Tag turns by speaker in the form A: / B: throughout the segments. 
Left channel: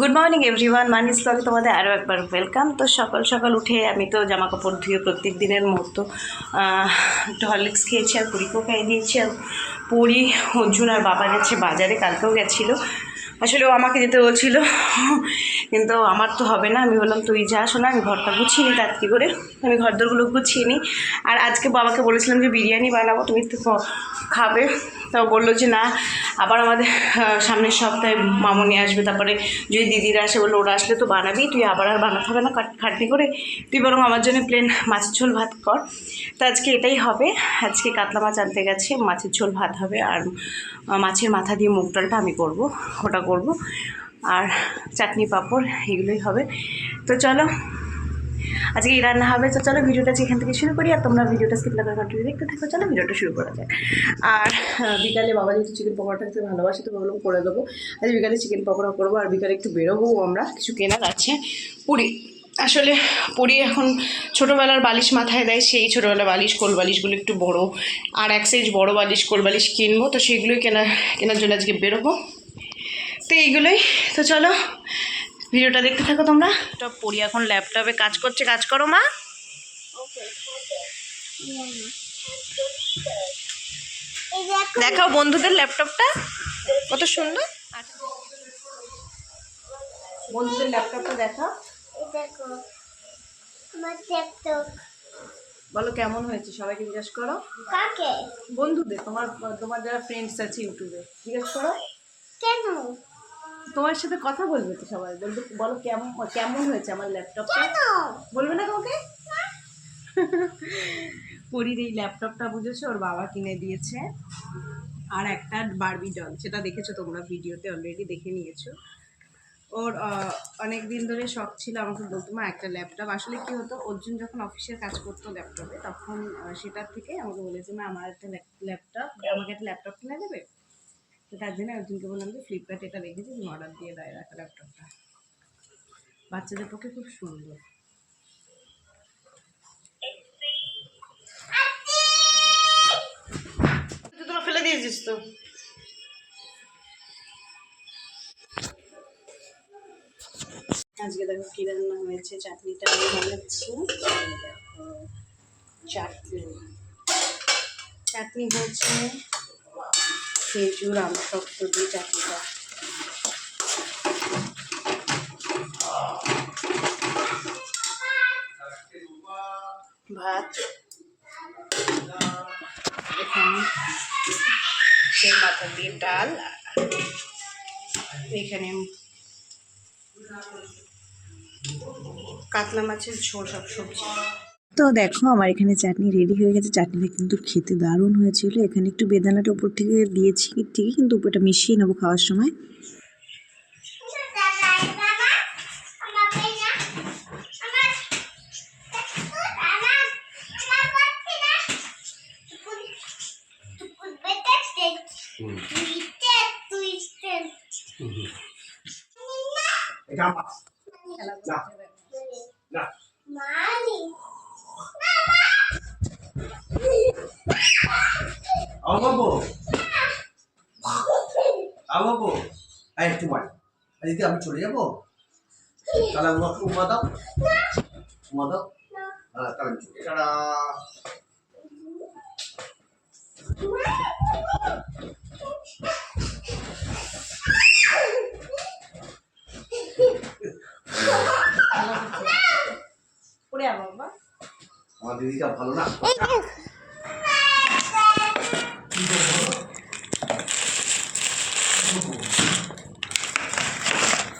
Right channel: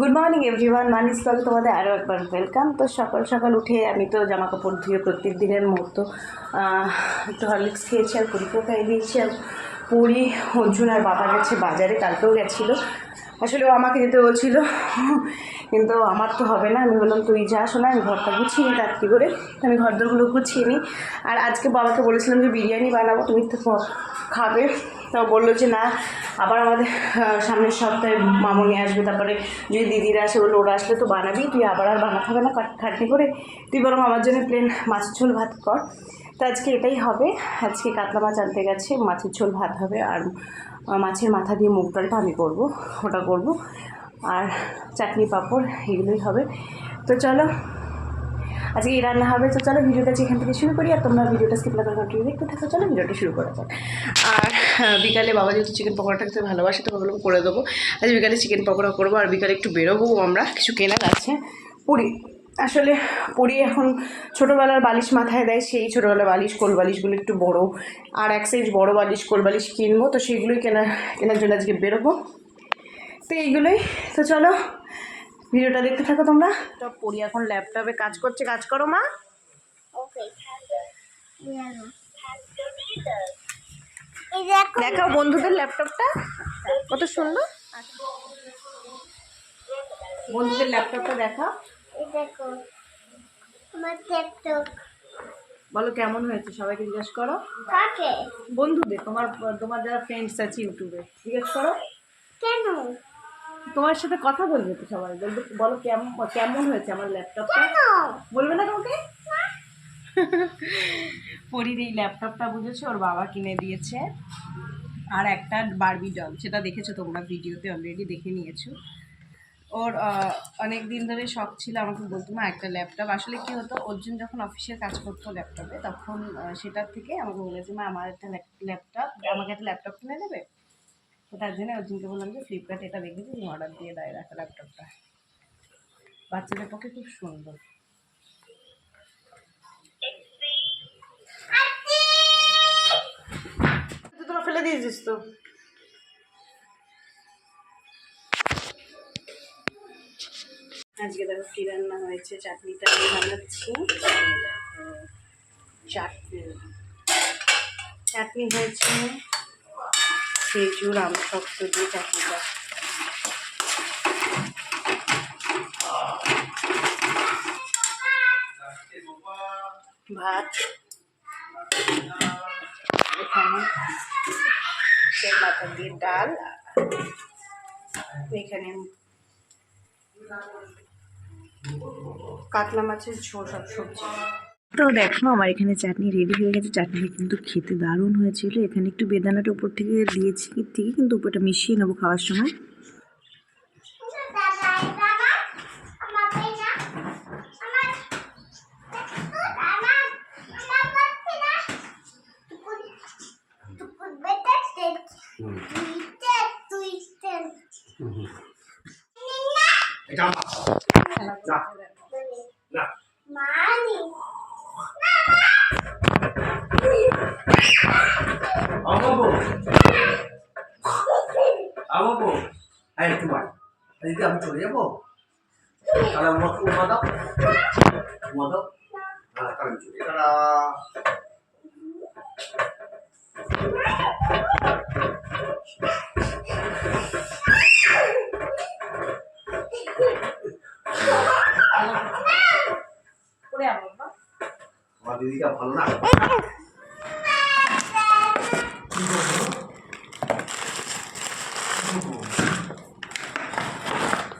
A: Good morning everyone মানিস ব্লগে তোমাদের আরও একবার ওয়েলকাম তো সকাল সকাল উঠে আমি তো জামা কাপড় ধুয়ে প্রত্যেক দিনের মতো একটু হরলিক্স খেয়েছি আর পুরীকেও খাইয়ে দিয়েছি আর পুরী, অর্জুন আর বাবা গেছে বাজারে, কালকেও গেছিল। আসলে ও আমাকে যেতে বলছিল, কিন্তু আমার তো হবে না। আমি বললাম, তুই যা শোনা, আমি ঘরটা গুছিয়ে নিই তার তাড়াতাড়ি করে। আমি ঘরদোরগুলো গুছিয়ে নিই। আর আজকে বাবাকে বলেছিলাম যে, বিরিয়ানি বানাবো, তুমি তো খাবে। তো বলল যে, না, আবার আমাদের সামনের সপ্তাহে মামনি আসবে। তারপরে যদি দিদিরা আসে, বলল, ওরা আসলে তো বানাবি, তুই আবার আর বানাতে হবে না খাট- খাটনি করে। তুই বরং আমার জন্য প্লেন মাছের ঝোল ভাত কর। তো আজকে এটাই হবে। আজকে কাতলা মাছ আনতে গেছে, মাছের ঝোল ভাত হবে। আর মাছের মাথা দিয়ে মুগ ডালটা আমি করব, ওটা করব। আর চাটনি পাঁপড়, এগুলোই হবে। তো চলো আজকে এই রান্না হবে, তো চলো ভিডিওটা যেখান থেকে শুরু করি, আর তোমরা ভিডিওটা স্কিপ না করে কন্টিনিউ দেখতে থাকো, চলো ভিডিওটা শুরু করা যাক। আর বিকালে বাবা যেহেতু চিকেন পকোড়াটা খেতে ভালোবাসে, তো ভাবলাম করে দেবো। আজ বিকালে চিকেন পকোড়া করব, আর বিকালে একটু বেরোবো আমরা, কিছু কেনার আছে। পুরী, আসলে পুরী এখন ছোটোবেলার বালিশ মাথায় দেয়, সেই ছোটোবেলার বালিশ, কোল বালিশগুলো একটু বড়, আর এক সাইজ বড় বালিশ, কোল বালিশ কিনবো, তো সেইগুলোই কেনা, কেনার জন্য আজকে বেরোবো। তো এইগুলোই, তো চলো ভিডিওটা দেখতে থাকো তোমরা। তো পড়ি এখন ল্যাপটপে কাজ করছে কাজ করো মা।
B: এই
A: দেখাও বন্ধুদের ল্যাপটপটা কত সুন্দর। বন্ধুদের ল্যাপটপটা দেখা
B: এই দেখো
A: বলো কেমন হয়েছে? সবাইকে জিজ্ঞেস করো।
B: কাকে?
A: বন্ধুদের তোমার তোমার যারা ফ্রেন্ডস আছে ইউটিউবে জিজ্ঞেস করো।
B: কেন?
A: তোমার সাথে কথা বলবে তো সবাই। বলবে বলো কেমন কেমন হয়েছে আমার ল্যাপটপটা? বলবে না তোমাকে? পরির এই ল্যাপটপটা বুঝেছ? ওর বাবা কিনে দিয়েছে। আর একটা বারবি ডল সেটা দেখেছ তোমরা ভিডিওতে অলরেডি দেখে নিয়েছো। ওর অনেক দিন ধরে শখ ছিল আমাকে বলতো মা একটা ল্যাপটপ। আসলে কি হতো অর্জুন যখন অফিসের কাজ করতো ল্যাপটপে তখন সেটার থেকে আমাকে বলেছে মা আমার একটা ল্যাপটপ আমাকে একটা ল্যাপটপ কিনে দেবে? তো তার জন্য অর্জুনকে বললাম যে ফ্লিপকার্টে এটা দেখেছি তুমি অর্ডার দিয়ে দেয় একটা ল্যাপটপটা বাচ্চাদের পক্ষে খুব সুন্দর। তোরা ফেলে দিয়েছিস তো। আজকে দেখো কি রান্না হয়েছে চাটনিটা আমি বানাচ্ছি। চাটনি। চাটনি হয়েছে খেজুর, আম শক্ত দিয়ে চাটনিটা ভাত। এখানে সেই মাথা দিয়ে ডাল এখানে কাতলা মাছের ঝোল সব সবজি।
C: তো দেখো আমার এখানে চাটনি রেডি হয়ে গেছে। চাটনিটা কিন্তু খেতে দারুণ হয়েছিল। এখানে একটু বেদানাটা উপর থেকে দিয়েছি ঠিকই কিন্তু উপরটা মিশিয়ে নেব খাওয়ার সময়।
D: এটা আমার না না
B: মানি
D: আমাবো আমাবো এই তোমার যদি আমি চলে যাব? তাহলে উমা উমা দাও। উমা দাও। হ্যাঁ তাহলে আমি চলে যাব। টাটা।
A: আমার
D: দিদিটা ভালো না?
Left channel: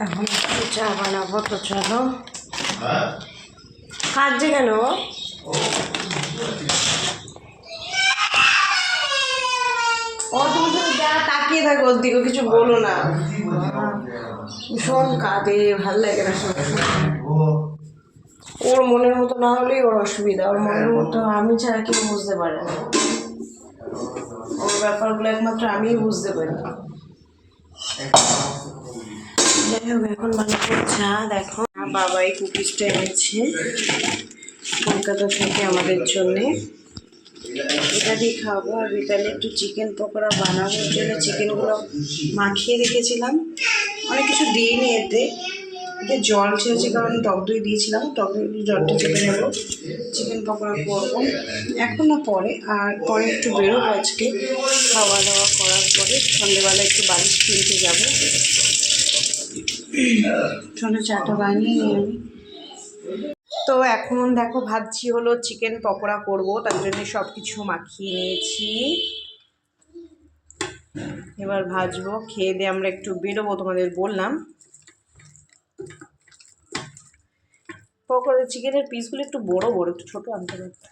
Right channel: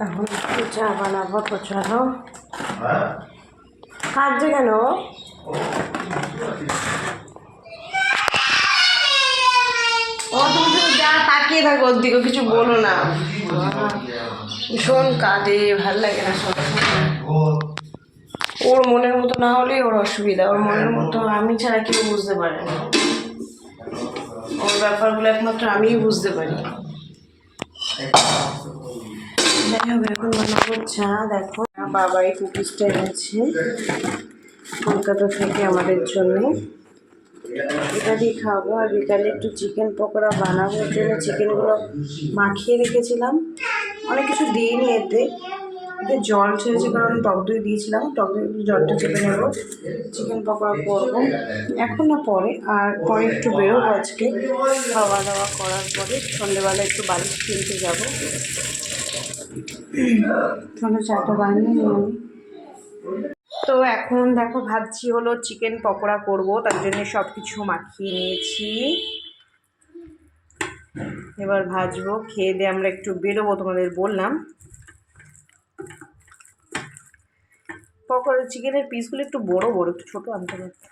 A: এখন একটু চা বানাবো তো চলো।
D: হ্যাঁ?
A: কাঁদছে কেন? ও তুমি যা তাকিয়ে থাকো ওর দিকে কিছু বলো না। ভীষণ কাঁদে ভালো লাগে না ওর মনের মতো না হলেই ওর অসুবিধা ওর মনের মতো আমি ছাড়া কেউ বুঝতে পারে না। ওর ব্যাপারগুলো একমাত্র আমিই বুঝতে পারি। যাই হোক, এখন বানাবো চা, দেখো। বাবা এই কুকিজটা এনেছে কলকাতা থেকে আমাদের জন্যে। এটা দিয়ে খাব, আর বিকালে একটু চিকেন পকোড়া বানাবো জন্য চিকেনগুলো মাখিয়ে রেখেছিলাম। অনেক কিছু দিইনি এতে। এতে জল ছেড়েছে, কারণ টক দই দিয়েছিলাম। টক দই জলটা চেপে নেব চিকেন পকোড়া করব। এখন না পরে, আর পরে একটু বেরোবো আজকে। খাওয়া দাওয়া করার পরে সন্ধ্যেবেলা একটু বালিশ কিনতে যাব। সন্ধ্যে চাটা বানিয়ে নিই আমি। তো এখন দেখো ভাবছি হলো চিকেন পকোড়া করব, তার জন্য সব কিছু মাখিয়ে নিয়েছি। এবার ভাজবো, খেয়ে দিয়ে আমরা একটু বেরোবো তোমাদের বললাম। পকোড়া চিকেনের পিসগুলো একটু বড় বড়, একটু ছোটো আনতে পারতো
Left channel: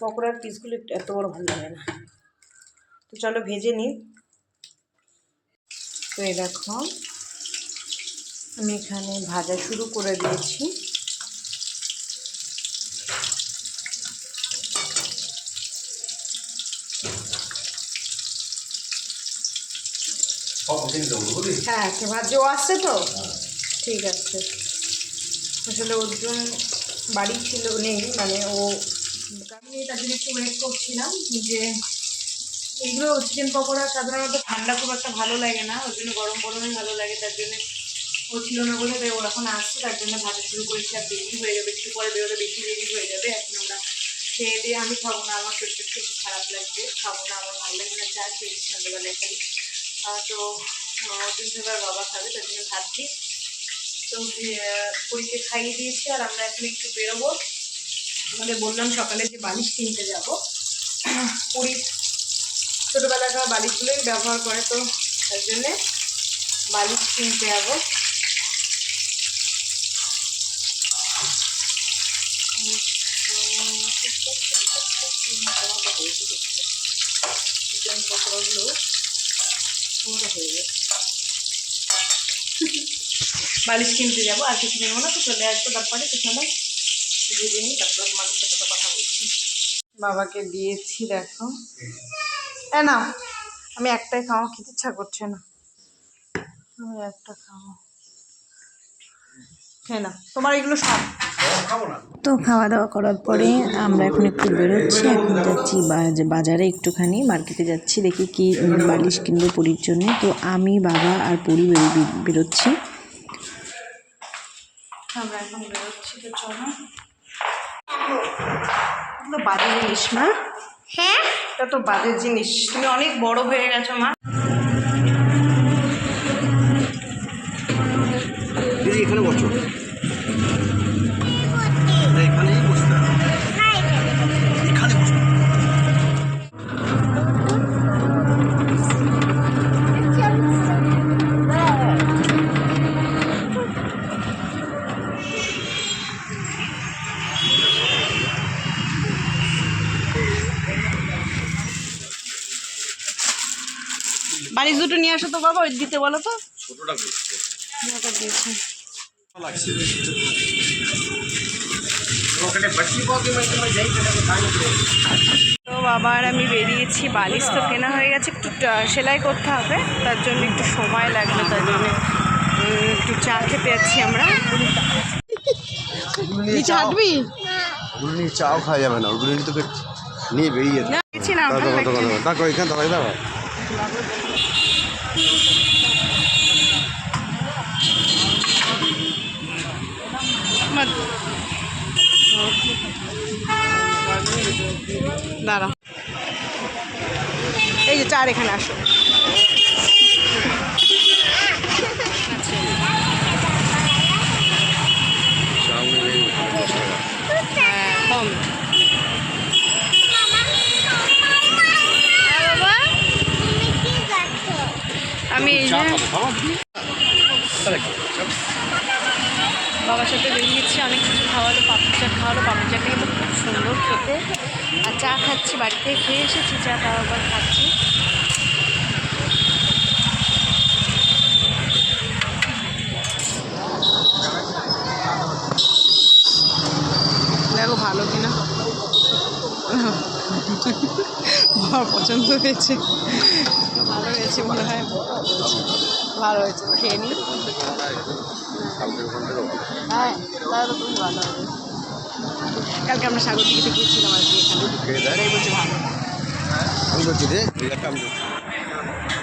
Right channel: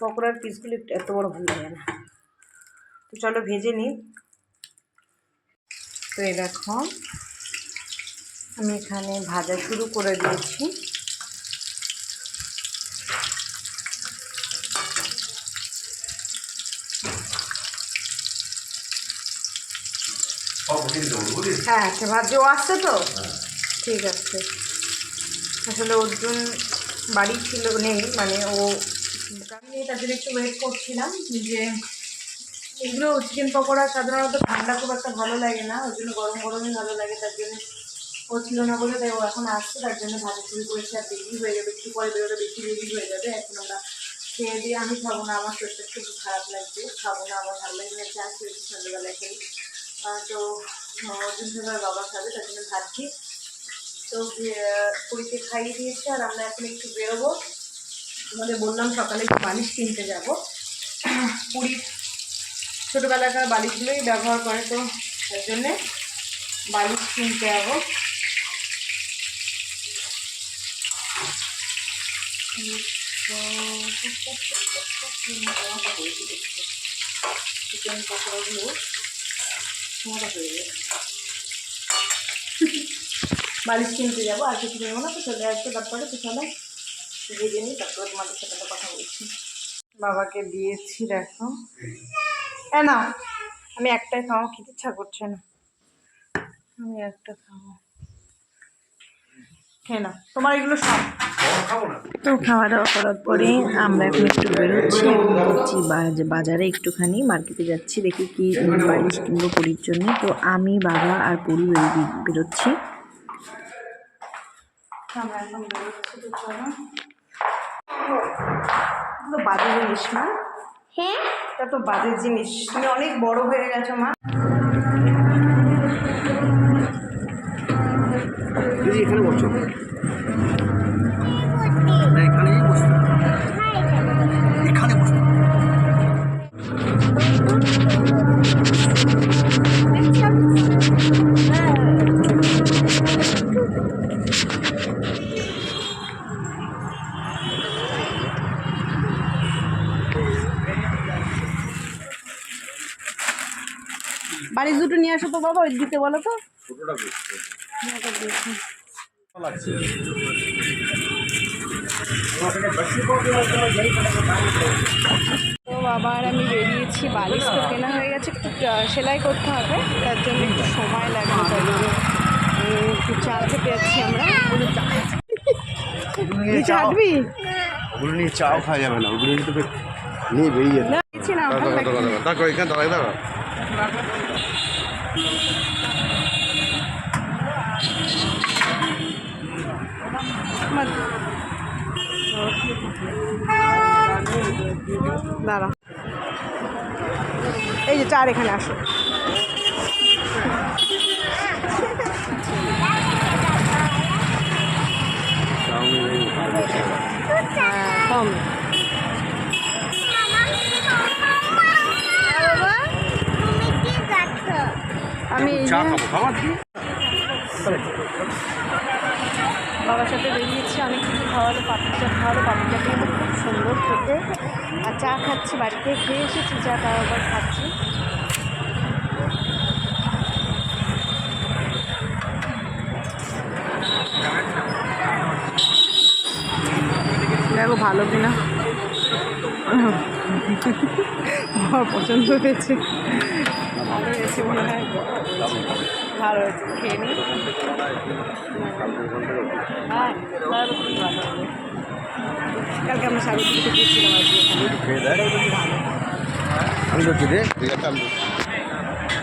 A: পকোড়ার পিসগুলো একটু এত বড় ভালো লাগে না। তো চলো ভেজে নিই। তো এই দেখো। আমি এখানে ভাজা শুরু করে দিয়েছি। হ্যাঁ আচ্ছা ভাবছি ও আসছে তো? ঠিক আছে। আসলে অর্জুন বাড়ি ছিল নেই মানে ও আমি তার জন্য একটু ওয়েট করছিলাম যে এগুলো চিকেন পকোড়া সাধারণত ঠান্ডা খুব একটা ভালো লাগে না ওই জন্য গরম গরমই ভালো লাগে তার জন্য ও ছিল না বলে তাই ও এখন আসছে তার জন্য ভাজা শুরু করেছে আর দেরি হয়ে যাবে একটু পরে বেরোলে বেশি দেরি হয়ে যাবে। এখন আমরা খেয়ে দিয়ে আমি খাব না আমার শরীরটা একটু খারাপ লাগছে খাব না আমার ভালো লাগে না চা খেয়েছি সন্ধ্যেবেলায় খালি। তো সবার বাবা খাবে তার জন্য ভাবছি তো আহ, পুরীকে খাইয়ে দিয়েছি আর আমরা এখন একটু বেরোবো। তোমাদের বললাম সকালে একটু বালিশ কিনতে যাব। পুরীর ছোটোবেলাকার বালিশগুলোই ব্যবহার করে তো তার জন্যে বালিশ কিনতে যাব। চিকেন পকোড়াগুলো হয়ে যাবে বালিশ কিনতে যাব, আর কিছু নেব না, তো চলে আসব তারপরে পিছনে ভেজে নিই, তারপরে তোমাদের সাথে তো কথা বলছি। বাবাকে দিয়েছি, দেখো। না আমি একটাই খাওয়া খেতে ইচ্ছা করছে না। আমি একটা খাব। খেয়ে না তোমার এগুলো সব।
C: তো খাওয়া দাওয়া করার পরে আমরা এখন একটু বেরোচ্ছি এখন যাচ্ছি বাজারে একটুখানি মার্কেটে যাচ্ছি দেখি কি বালিশ কিনবো পুরীর জন্য। তো আমি বাবা আর পুরী বেরো- বেরোচ্ছি।
A: আমরা এখন বেরোচ্ছি তো চলো। বাজে জিনিস মা।
B: হ্যাঁ?
A: এটা তো বাজে জিনিস। তুমি অনেক বড় হয়ে গেছো মা। বালিশ দুটো নিয়ে আসো তো বাবা ওই দিতে বলো তো।
D: ছোটটা
A: তো বাবা আর আমি বেরিয়েছি বালিশ তো কেনা হয়ে গেছে একটু সেলাই করতে হবে তার জন্য একটু সময় লাগবে তার জন্য একটু চা খেতে যাচ্ছি আমরা। নিচে হাঁটবি?
E: ওগুলো নিয়ে চাও খাওয়া যাবে না ওগুলো নিয়ে তোকে নিয়ে বেরিয়ে যেতে
A: না ভালো লাগছে। না।
E: দেখো এখানে দাঁড়াই দেখো
A: আমার- দাঁড়া এই যে চার এখানে আসো। হ্যাঁ কম আমি এই যে বাবার সাথে বেরিয়েছি অনেক কিছু খাওয়ালো পাপড়ি চাট খাওয়ালো পাপড়ি চাটটা কিন্তু খুব সুন্দর খেতে। আর চা খাচ্ছি বাড়িতে খেয়ে এসেছি চা তাও আবার খাচ্ছি। দেখো ভালো কিনা। আমার পছন্দ হয়েছে। ভালো হয়েছে মনে হয়। ভালো হয়েছে খেয়ে নিই হ্যাঁ তাহলে খুবই ভালো হবে। কালকে আমরা সাগর দিকে গিয়েছিলাম আর কি এখানে। এটাই বলছি ভালো।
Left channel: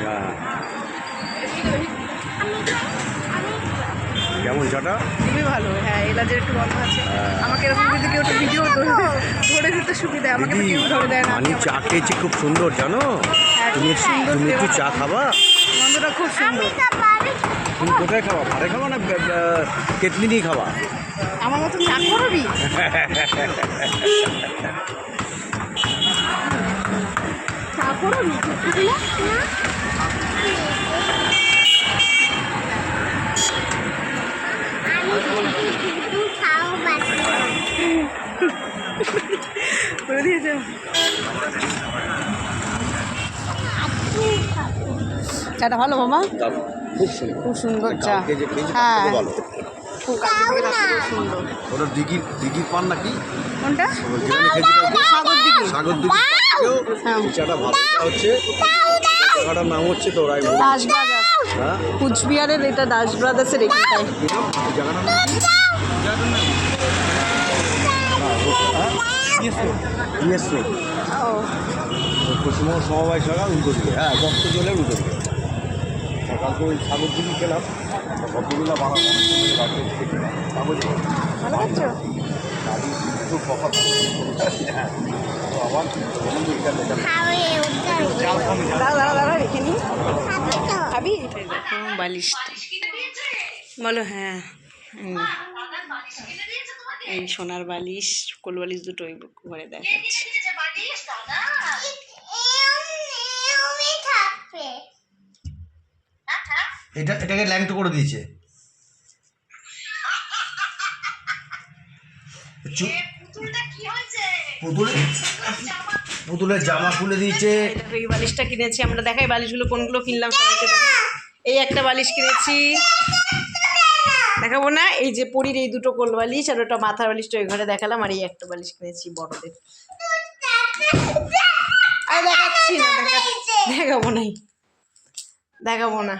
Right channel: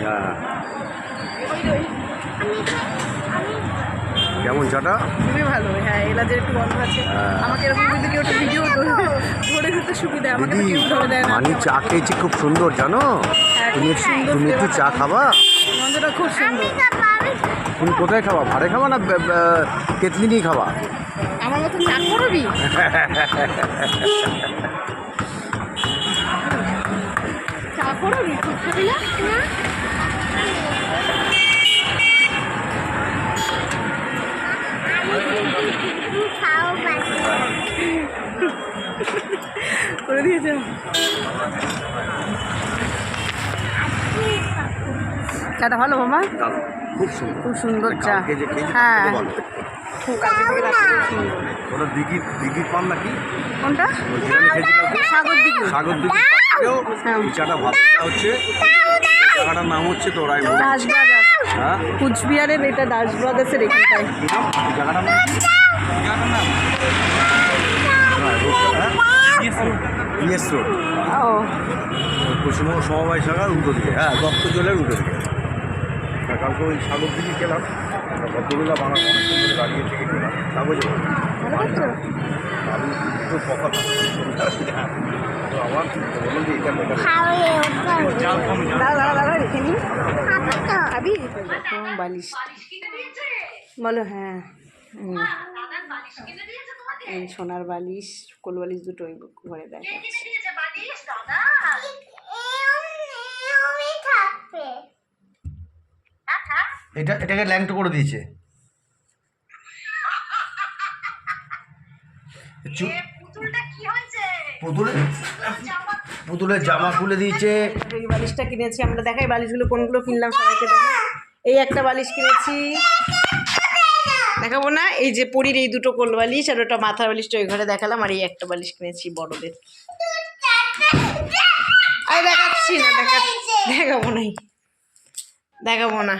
E: হ্যাঁ। কেমন চাটা
A: খুবই ভালো হ্যাঁ এলাচের একটু গন্ধ আছে। আমাকে এরকম যদি কেউ একটা ভিডিও ধরে দিতে সুবিধা আমাকে কেউ ধরে দেয় না।
E: মানি চা খেয়েছি খুব সুন্দর জানো? তুমি তুমি একটু চা খাবা?
A: গন্ধটা খুব সুন্দর।
E: তুমি কোথায় খাবা? ভাড়ে খাবা না কেটলি নিয়ে খাবা?
A: আমার মতো চা করবি চা করবি করে দিয়েছে চাটা ভালো মামা?
E: খুব সুন্দর।
A: খুব সুন্দর চা। হ্যাঁ।
E: ওটা পান নাকি?
A: কোনটা? সাগর
E: সাগর চাটা ভালো। হচ্ছে জায়গাটার নাম হচ্ছে তো
A: দাস ব্রাদার্স। কুচবিহারের এটা দাস ব্রাদার্সের এখানটায়
E: জায়গাটার নাম রোড
A: ও
E: পশ্চিমবঙ্গ সমবায় শাখার উল্টো দিকে। হ্যাঁ দত্ত জলের উল্টো দিকে। কালকে ওই সাগর দিকে খেলাম ভদ্রবেলা বাংলা মানুষ দাঁড়িয়ে থেকে খেলাম তা বুঝে আমি একটু কথা আমার বললাম যে এটা মেটাল
B: খাওয়াই ওটা
A: দাঁড়া দাঁড়া দাঁড়া রেখে নি।
B: খাব
A: খাবি দেখো বলো হ্যাঁ। এই সোনার বালিশ কোল বালিশ দুটো ওই ঘরে দেখাচ্ছে।
D: এটা এটাকে ল্যাংটো করে দিয়েছে। পুতুলের পুতুলের জামা খুলে দিয়েছে।
A: এই বালিশটা কিনেছি আমরা দেখাই বালিশগুলো কোনগুলো কিনলাম সবাইকে দেখাই। এই একটা বালিশ কিনেছি। দেখাবো না। এই যে পরির এই দুটো কোল বালিশ আর ওটা মাথার বালিশটা ওই ঘরে দেখালাম আর এই একটা বালিশ কিনেছি বড়দের। আর দেখাচ্ছি না, দেখা দেখাবো নাই। দেখাবো না।